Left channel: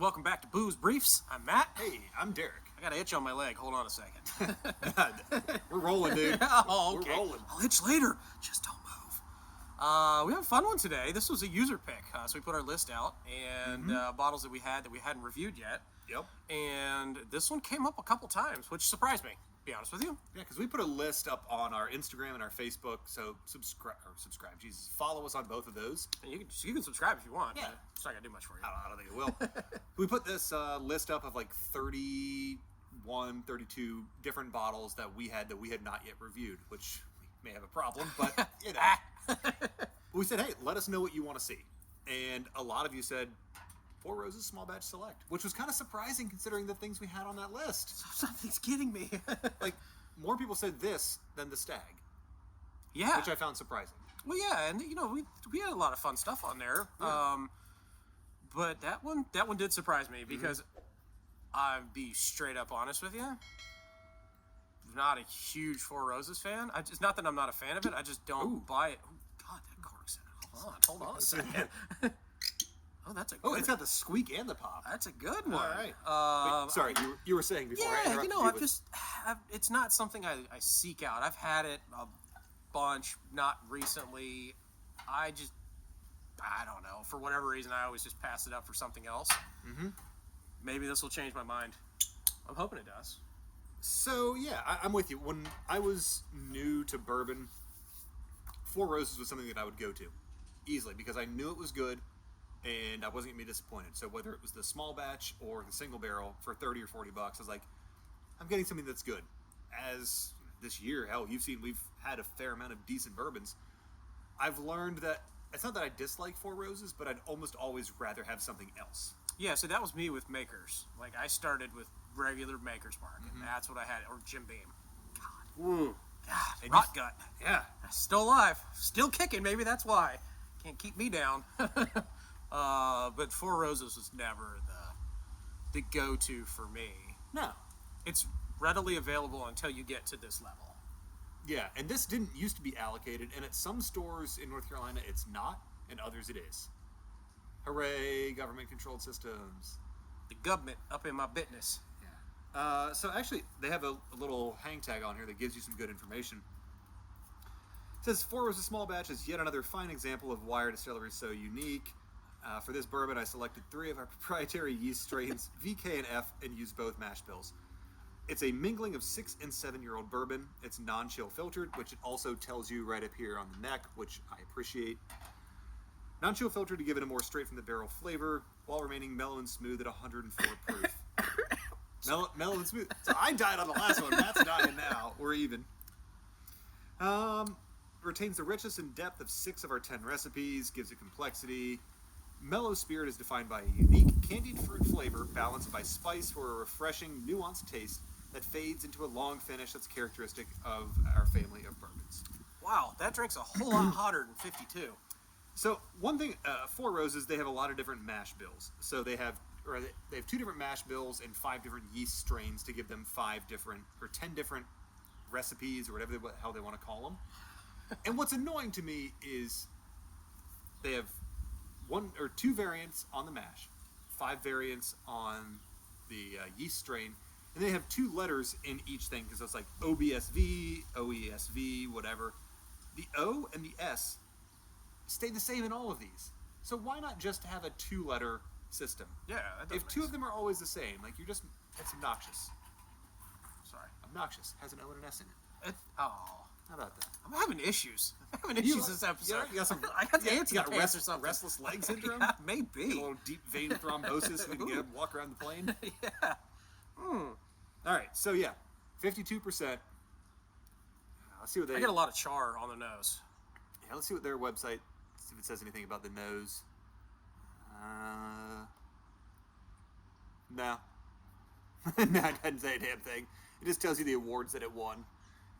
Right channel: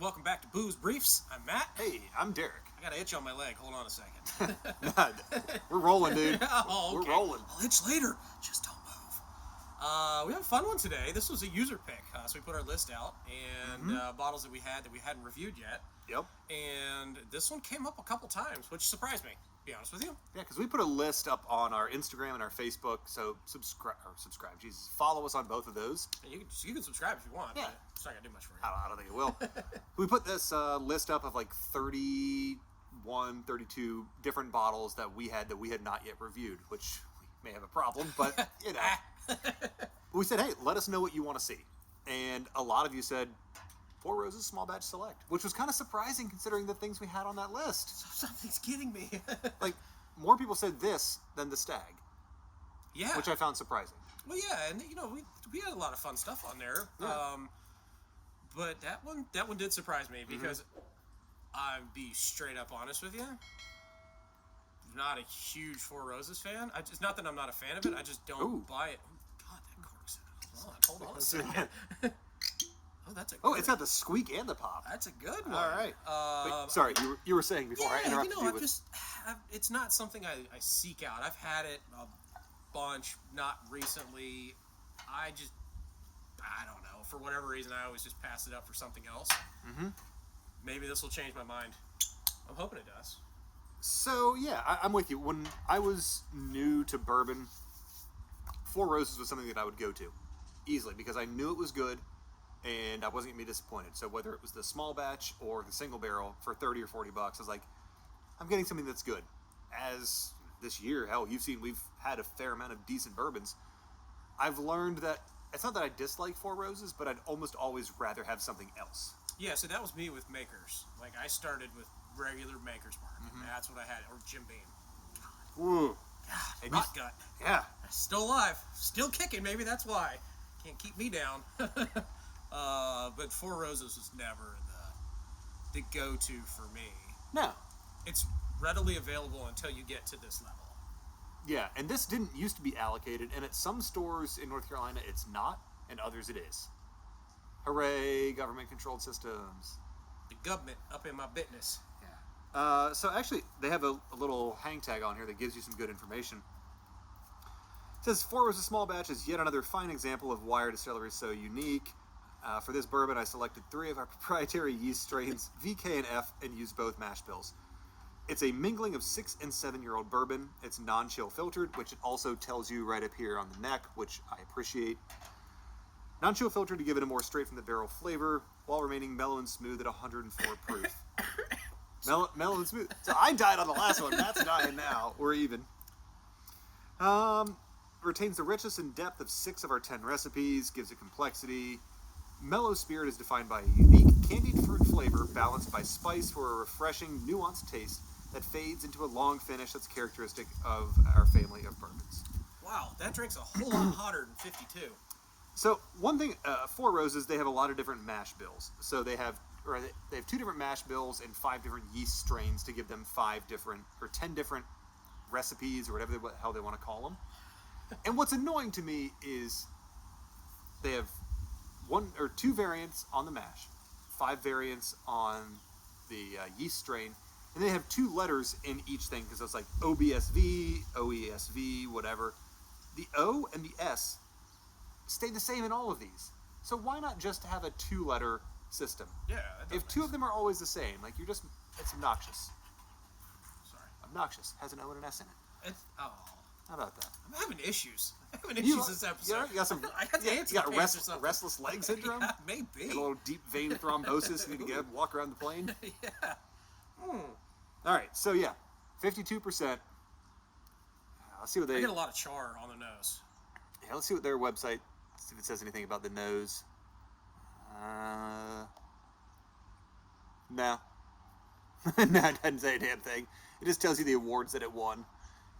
Welcome back to Booze Briefs. I'm Matt. Hey, I'm Derek. I got an itch on my leg. Hold on a second. We're rolling, dude. Oh, okay. We're rolling. I'll itch later. Just don't move. We have a fun one today. This was a user pick. So we put our list out and bottles that we hadn't reviewed yet. Yep. And this one came up a couple times, which surprised me, to be honest with you. Yeah, because we put a list up on our Instagram and our Facebook. So subscribe. Jesus, follow us on both of those. And you can subscribe if you want. Yeah. But it's not gonna do much for you. I don't think it will. We put this list up of like 31, 32 different bottles that we had not yet reviewed, which we may have a problem, but you know. We said, hey, let us know what you want to see. And a lot of you said, Four Roses Small Batch Select, which was kind of surprising considering the things we had on that list. Something's getting me. Like, more people said this than the Stag. Yeah. Which I found surprising. Well, yeah, and we had a lot of fun stuff on there. Yeah. But that one did surprise me because I'll be straight up honest with you. Not a huge Four Roses fan. It's not that I'm not a fan of it. I just don't buy it. Oh, God, that cork's hold on a second. Oh, that's a good it's got the squeak and the pop. That's a good one. All right. Sorry, you were saying before I interrupted you. It's not something I seek out. I've had it a bunch, not recently. I don't know. For whatever reason, I always just pass it up for something else. Mm-hmm. Maybe this will change my mind. I'm hoping it does. So, yeah, I'm with you. When I was new to bourbon, Four Roses was something that I would go to easily because I knew it was good and I wasn't going to be disappointed. So whether it was the small batch or the single barrel for $30 or $40, I was like, I'm getting something that's good. As this year, hell, you've seen we've had a fair amount of decent bourbons. I've learned that it's not that I dislike Four Roses, but I'd almost always rather have something else. Yeah, so that was me with Makers. Like, I started with regular Maker's Mark, and that's what I had, or Jim Beam. God. Ooh. God, rot gut. Yeah. Still alive. Still kicking, maybe that's why. Can't keep me down. But Four Roses was never the go-to for me. No. It's readily available until you get to this level. Yeah, and this didn't used to be allocated, and at some stores in North Carolina it's not, and others it is. Hooray, government-controlled systems. The government up in my business. Yeah. So actually, they have a little hang tag on here that gives you some good information. It says, Four Roses Small Batch is yet another fine example of why our distillery is so unique. For this bourbon, I selected 3 of our proprietary yeast strains, VK and F, and used both mash bills. It's a mingling of 6 and 7-year-old bourbon. It's non-chill filtered, which it also tells you right up here on the neck, which I appreciate. Non-chill filtered to give it a more straight-from-the-barrel flavor, while remaining mellow and smooth at 104 proof. Mellow and smooth. So I died on the last one. Matt's dying now. We're even. Retains the richness and depth of 6 of our 10 recipes, gives it complexity. Mellow spirit is defined by a unique candied fruit flavor balanced by spice for a refreshing, nuanced taste that fades into a long finish that's characteristic of our family of bourbons. Wow, that drink's a whole lot hotter than 52. So one thing, Four Roses, they have a lot of different mash bills. So they have 2 different mash bills and 5 different yeast strains to give them 10 different recipes or whatever the hell they want to call them. And what's annoying to me is they have 1 or 2 variants on the mash, 5 variants on the yeast strain, and they have 2 letters in each thing because it's like OBSV, OESV, whatever. The O and the S stay the same in all of these. So why not just have a 2-letter system? Yeah, if 2 of them are always the same, like it's obnoxious. Sorry. Obnoxious has an O and an S in it. How about that? I'm having issues. This episode. You got some, I got the answer. You got restless leg syndrome? Yeah, maybe. A little deep vein thrombosis and you can get walk around the plane? Yeah. Alright, so yeah, 52%. Let's see what I get a lot of char on the nose. Yeah, let's see what their website, see if it says anything about the nose. No. No, it doesn't say a damn thing. It just tells you the awards that it won.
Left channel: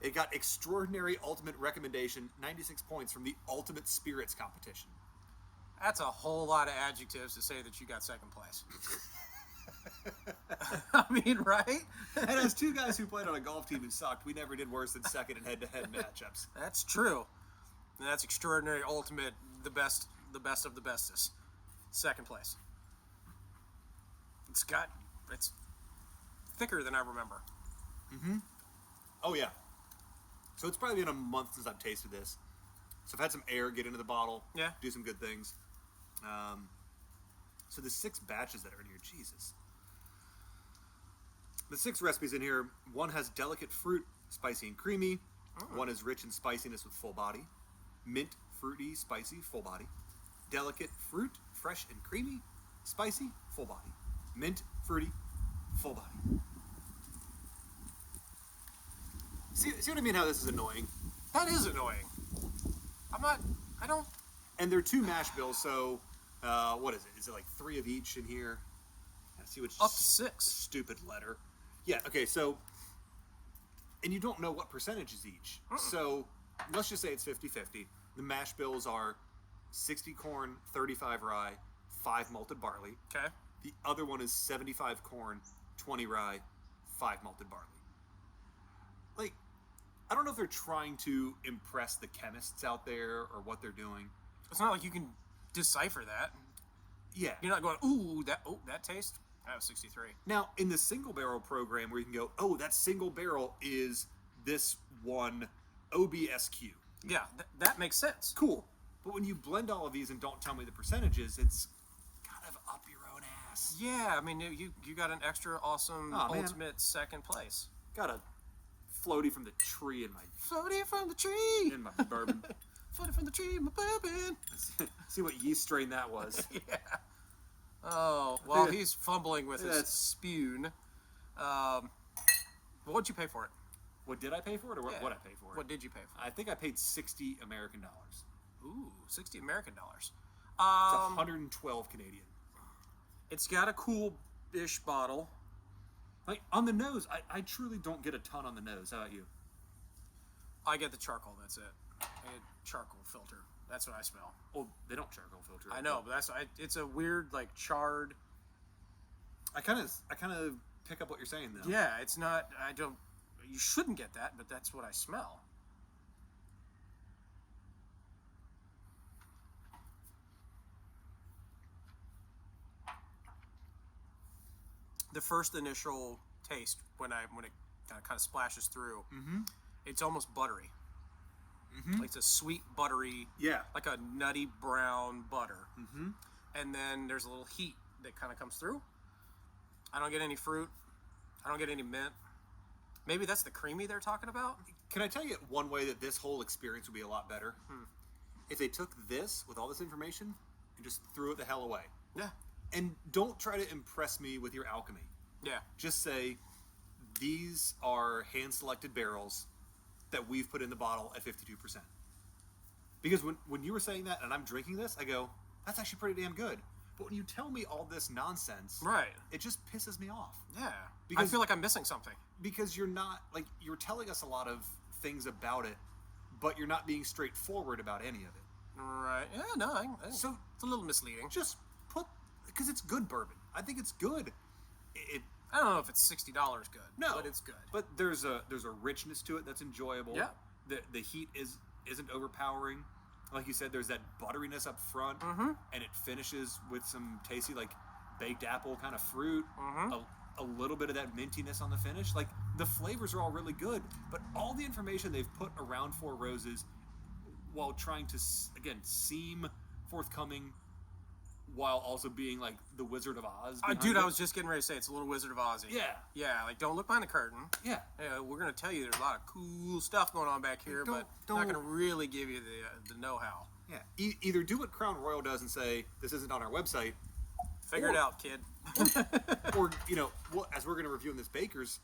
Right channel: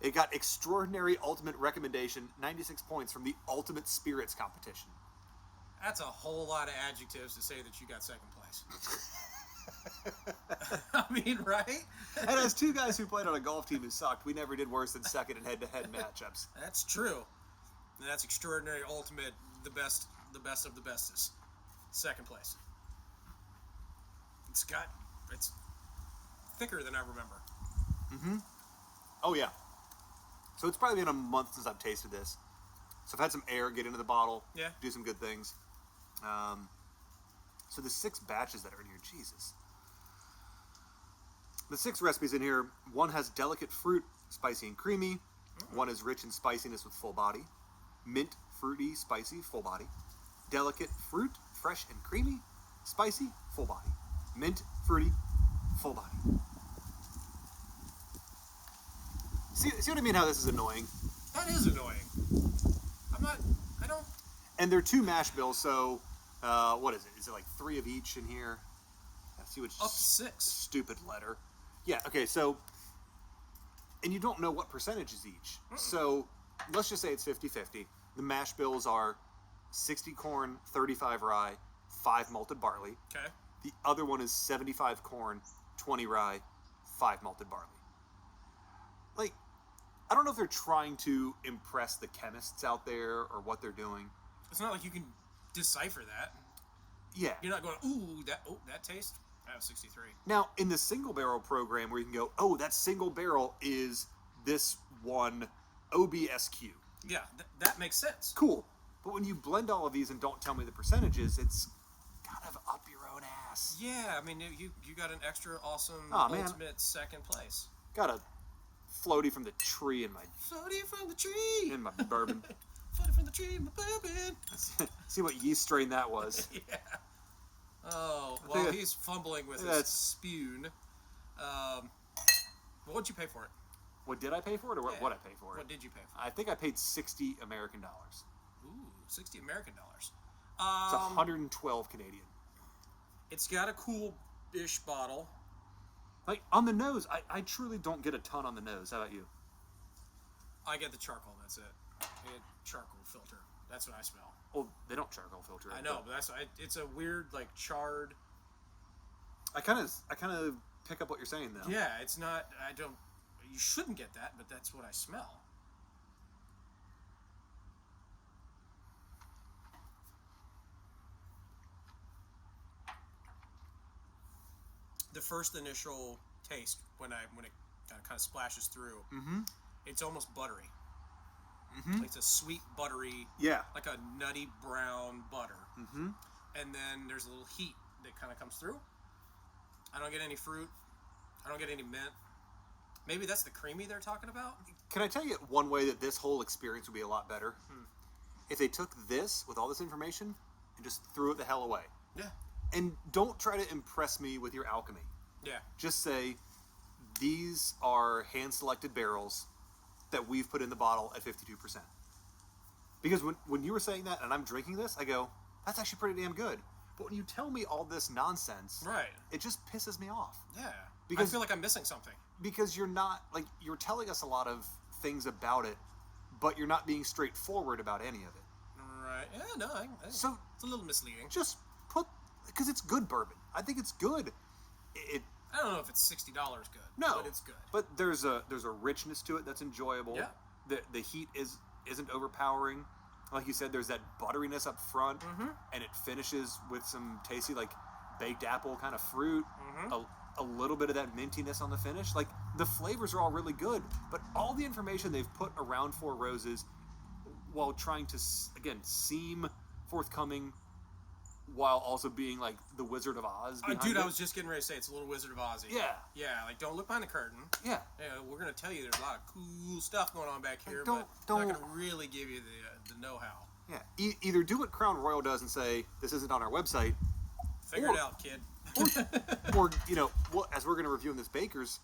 It got Extraordinary Ultimate Recommendation, 96 points from the Ultimate Spirits competition. That's a whole lot of adjectives to say that you got second place. I mean, right? And as 2 guys who played on a golf team who sucked, we never did worse than second in head-to-head matchups. That's true. And that's Extraordinary Ultimate, the best of the bestest. Second place. It's thicker than I remember. Mm-hmm. Oh, yeah. So it's probably been a month since I've tasted this. So I've had some air get into the bottle. Yeah. Do some good things. So the 6 batches that are in here, Jesus. The 6 recipes in here, one has delicate fruit, spicy and creamy. One is rich in spiciness with full body. Mint, fruity, spicy, full body. Delicate fruit, fresh and creamy. Spicy, full body. Mint, fruity, full body. See what I mean? How this is annoying? That is annoying. I don't... And they're 2 mash bills, so what is it? Is it like 3 of each in here? Let's see which Up to 6. stupid letter. Yeah, okay, so... And you don't know what percentage is each. So, let's just say it's 50-50. The mash bills are 60 corn, 35 rye, 5 malted barley. Okay. The other one is 75 corn, 20 rye, 5 malted barley. Like, I don't know if they're trying to impress the chemists out there or what they're doing. It's not like you can decipher that. Yeah. You're not going, that taste? That was 63. Now, in the single barrel program where you can go, oh, that single barrel is this one OBSQ. Yeah, that makes sense. Cool. But when you blend all of these and don't tell me the percentages, it's kind of up your own ass. Yeah, I mean, you got an extra awesome ultimate second place. Got a floaty from the tree in my... Floating from the tree! In my bourbon. Floating from the tree in my bourbon! See what yeast strain that was. Yeah. Oh, well, he's fumbling with his spoon. What'd you pay for it? What did I pay for it, or what I pay for it? What did you pay for it? I think I paid $60 American. Ooh, $60 American. It's 112 Canadian. It's got a cool-ish bottle. Like, on the nose, I truly don't get a ton on the nose. How about you? I get the charcoal, that's it. I get charcoal filter. That's what I smell. Oh, they don't charcoal filter it. I know, but it's a weird, like, charred... I kind of pick up what you're saying, though. Yeah, it's not... You shouldn't get that, but that's what I smell. The first initial taste, when it kind of splashes through, it's almost buttery. Like it's a sweet, buttery, like a nutty brown butter. And then there's a little heat that kind of comes through. I don't get any fruit. I don't get any mint. Maybe that's the creamy they're talking about? Can I tell you one way that this whole experience would be a lot better? If they took this, with all this information, and just threw it the hell away. Yeah. And don't try to impress me with your alchemy. Yeah. Just say, these are hand-selected barrels that we've put in the bottle at 52%. Because when you were saying that, and I'm drinking this, I go, that's actually pretty damn good. But when you tell me all this nonsense, right, it just pisses me off. Yeah. Because, I feel like I'm missing something. Because you're not, like, you're telling us a lot of things about it, but you're not being straightforward about any of it. Right. Yeah, no, so it's a little misleading. Just put, because it's good bourbon. I think it's good. I don't know if it's $60 good. No, but it's good. But there's a richness to it that's enjoyable. Yeah. The heat isn't overpowering. Like you said, there's that butteriness up front, and it finishes with some tasty, like, baked apple kind of fruit. A little bit of that mintiness on the finish. Like, the flavors are all really good, but all the information they've put around Four Roses, while trying to again seem forthcoming, while also being like the Wizard of Oz. Dude, I was just getting ready to say it's a little Wizard of Oz. Yeah. Like, don't look behind the curtain. Yeah, we're gonna tell you there's a lot of cool stuff going on back here, but not gonna really give you the know-how. Yeah, either do what Crown Royal does and say this isn't on our website. Figure it out, kid. Or as we're gonna review in this Baker's,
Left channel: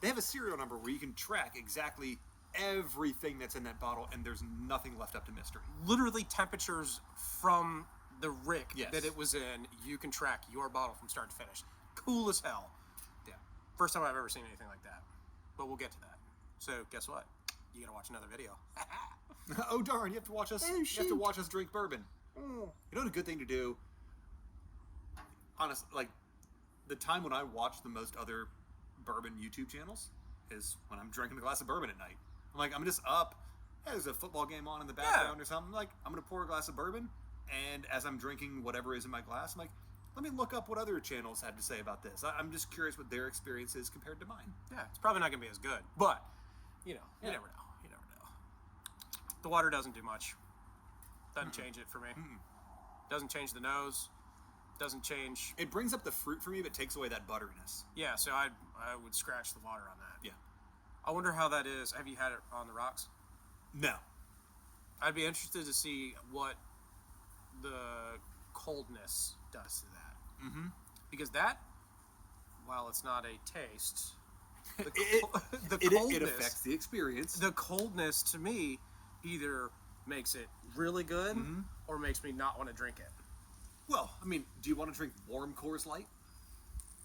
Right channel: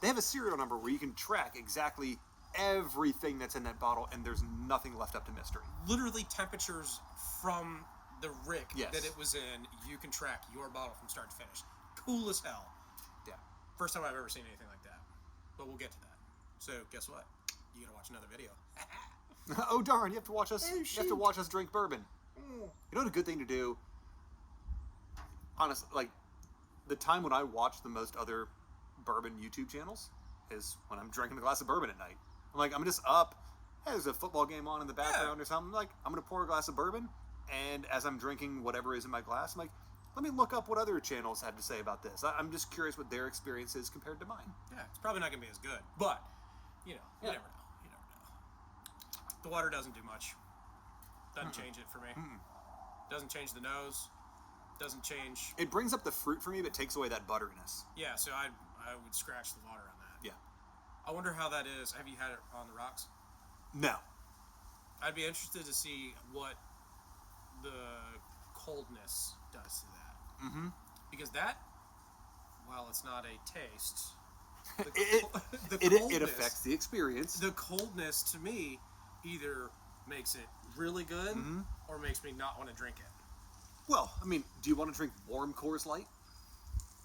they have a serial number where you can track exactly everything that's in that bottle, and there's nothing left up to mystery. Literally temperatures from the rick yes. that it was in, you can track your bottle from start to finish. Cool as hell. Yeah. First time I've ever seen anything like that. But we'll get to that. So guess what? You gotta watch another video. Oh darn! You have to watch us. You have to watch us drink bourbon. You know what a good thing to do? Honestly, like the time when I watch the most other bourbon YouTube channels is when I'm drinking a glass of bourbon at night. I'm like, I'm just up. Hey, there's a football game on in the background or something. Like, I'm gonna pour a glass of bourbon, and as I'm drinking whatever is in my glass, I'm like, Let me look up what other channels had to say about this. I'm just curious what their experience is compared to mine. Yeah, it's probably not going to be as good, but you know, you never know. You never know. The water doesn't do much. Doesn't change it for me. Doesn't change the nose. Doesn't change. It brings up the fruit for me, but takes away that butteriness. Yeah, so I would scratch the water on that. Yeah. I wonder how that is. Have you had it on the rocks? No. I'd be interested to see what the coldness does to that. Mm-hmm. Because that, while it's not a taste, it affects the experience. The coldness to me either makes it really good or makes me not want to drink it. Well, I mean, do you want to drink warm Coors Light?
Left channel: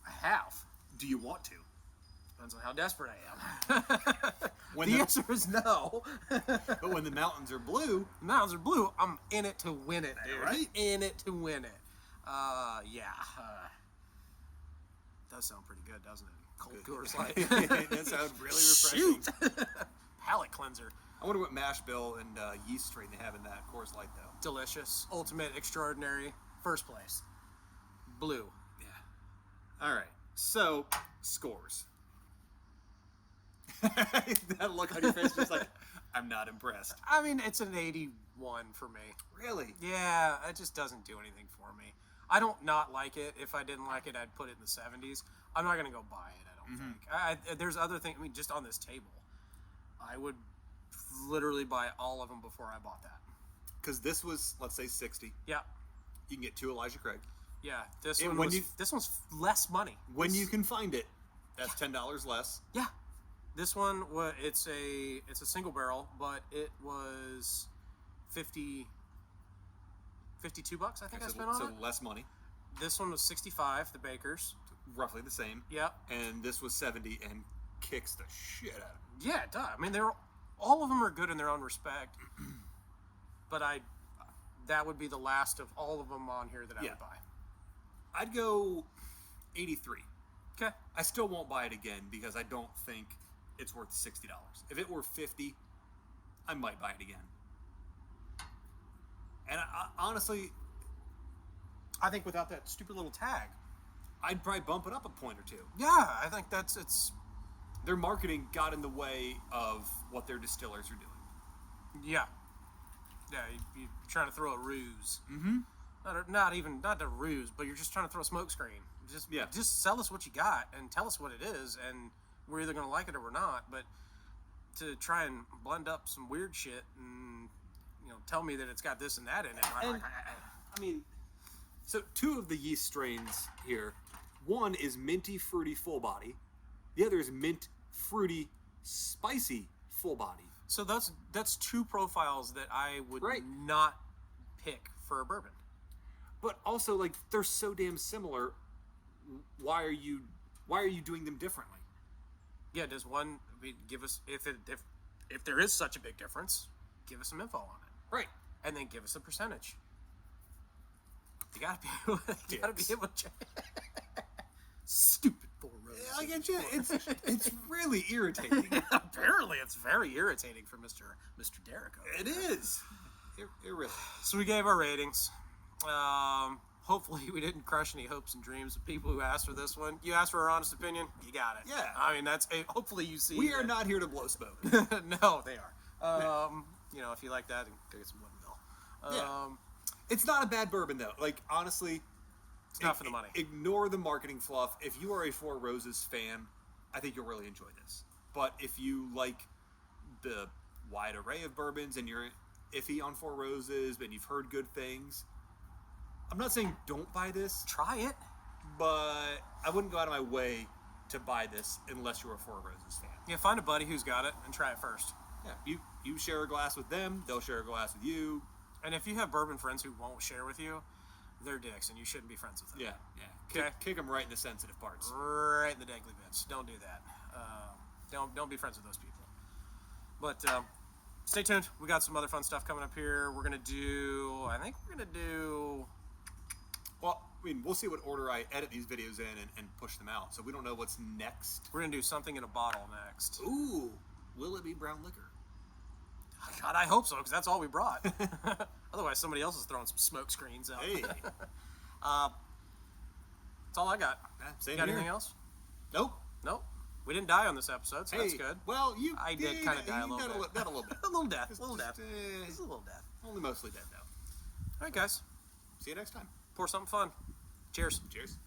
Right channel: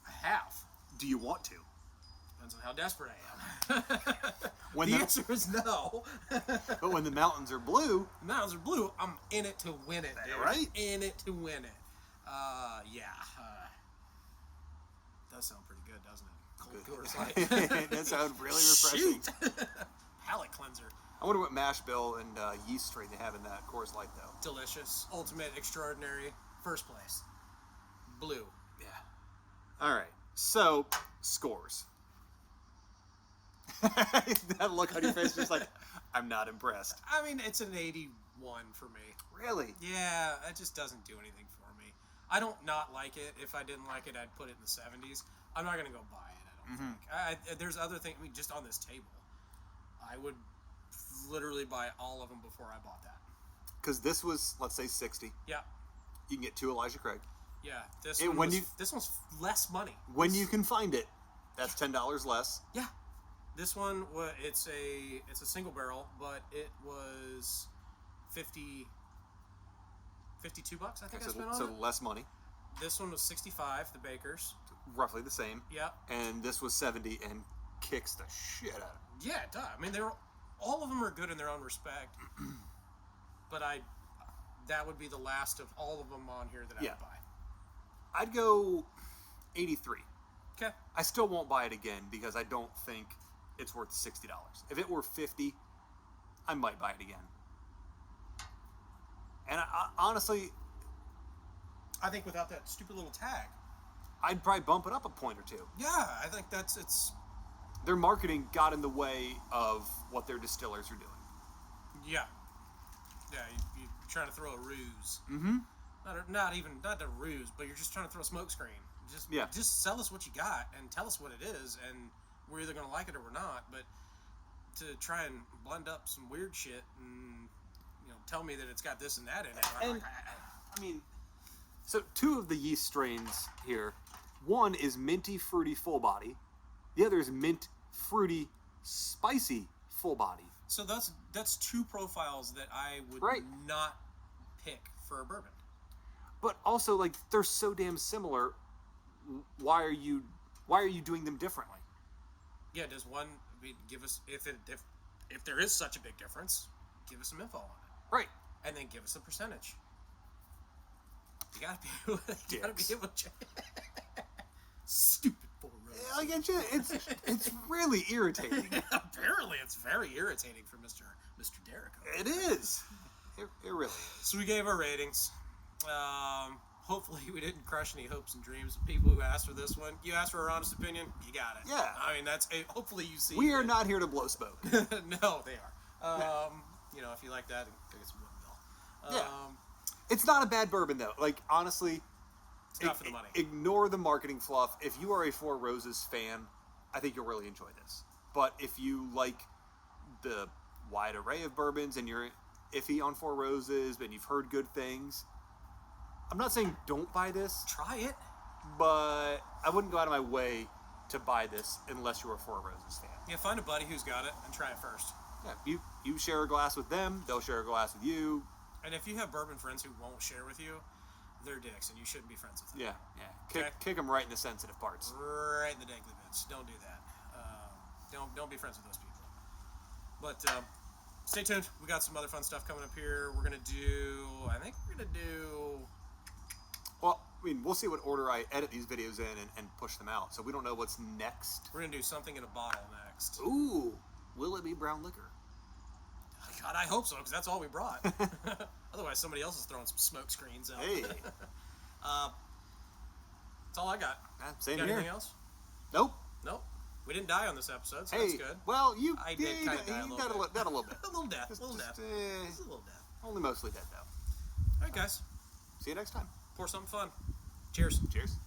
I have. Do you want to? Depends on how desperate I am. When the answer is no. But when the mountains are blue... The mountains are blue, I'm in it to win it, dude. Right? In it to win it. Yeah. Does sound pretty good, doesn't it? Cold Coors Light. That sounds really refreshing. Shoot! Palate cleanser. I wonder what mash bill and yeast strain they have in that Coors Light, though. Delicious. Ultimate. Extraordinary. First place. Blue. Yeah. All right. So, scores. That look on your face, just like, I'm not impressed. I mean, it's an 81 for me. Really? Yeah, it just doesn't do anything for me. I don't not like it. If I didn't like it, I'd put it in the 70s. I'm not going to go buy it, I don't think. There's other things, I mean, just on this table. I would literally buy all of them before I bought that. Because this was, let's say, 60. Yeah. You can get 2 Elijah Craig. Yeah, this one's less money. When you can find it, that's $10 less. Yeah. This one, it's a single barrel, but it was 52 bucks, I think I spent on it. So less money. This one was 65, the Baker's. Roughly the same. Yeah. And this was 70 and kicks the shit out of it. Yeah, it does. I mean, all of them are good in their own respect. But that would be the last of all of them on here that I would buy. I'd go 83. Okay. I still won't buy it again because I don't think it's worth $60. If it were 50, I might buy it again. And honestly, I think without that stupid little tag, I'd probably bump it up a point or two. Yeah, I think it's their marketing got in the way of what their distillers are doing. Yeah. Yeah, you're trying to throw a ruse. Mm-hmm. Not a ruse, but you're just trying to throw a smoke screen. Just sell us what you got and tell us what it is, and we're either going to like it or we're not. But to try and blend up some weird shit and tell me that it's got this and that in it. I mean, so 2 of the yeast strains here. One is minty fruity full body. The other is mint fruity spicy full body. So that's 2 profiles that I would not pick for a bourbon. But also, like, they're so damn similar. Why are you doing them differently? Yeah, does one give us if there is such a big difference? Give us some info on it, right? And then give us a percentage. You gotta be able to. Stupid Four Roses. Yeah, it's really irritating. Apparently, it's very irritating for Mr. Derrico. It is. It really is. So we gave our ratings. Hopefully we didn't crush any hopes and dreams of people who asked for this one. You asked for our honest opinion, you got it. Yeah. I mean, hopefully you see. We are not here to blow smoke. No, they are. If you like that, go get some Woodinville. It's not a bad bourbon though. Like, honestly, it's not for the money. Ignore the marketing fluff. If you are a Four Roses fan, I think you'll really enjoy this. But if you like the wide array of bourbons and you're iffy on Four Roses and you've heard good things, I'm not saying don't buy this. Try it. But I wouldn't go out of my way to buy this unless you're a Four Roses fan. Yeah, find a buddy who's got it and try it first. Yeah, you share a glass with them, they'll share a glass with you. And if you have bourbon friends who won't share with you, they're dicks and you shouldn't be friends with them. Yeah. Kick them right in the sensitive parts. Right in the dangly bits. Don't do that. Don't be friends with those people. But stay tuned. We got some other fun stuff coming up here. We're going to do... Well, I mean, we'll see what order I edit these videos in and push them out. So we don't know what's next. We're going to do something in a bottle next. Ooh. Will it be brown liquor? God, I hope so, because that's all we brought. Otherwise, somebody else is throwing some smoke screens out. Hey. That's all I got. Same Got here. anything else? Nope. Nope. We didn't die on this episode, so that's good. Well, I did kind of die a little bit. That a little bit. A little death. Just, A little death. just, Just a little death. Only mostly dead, though. All right, guys. See you next time. Pour something fun. Cheers. Cheers.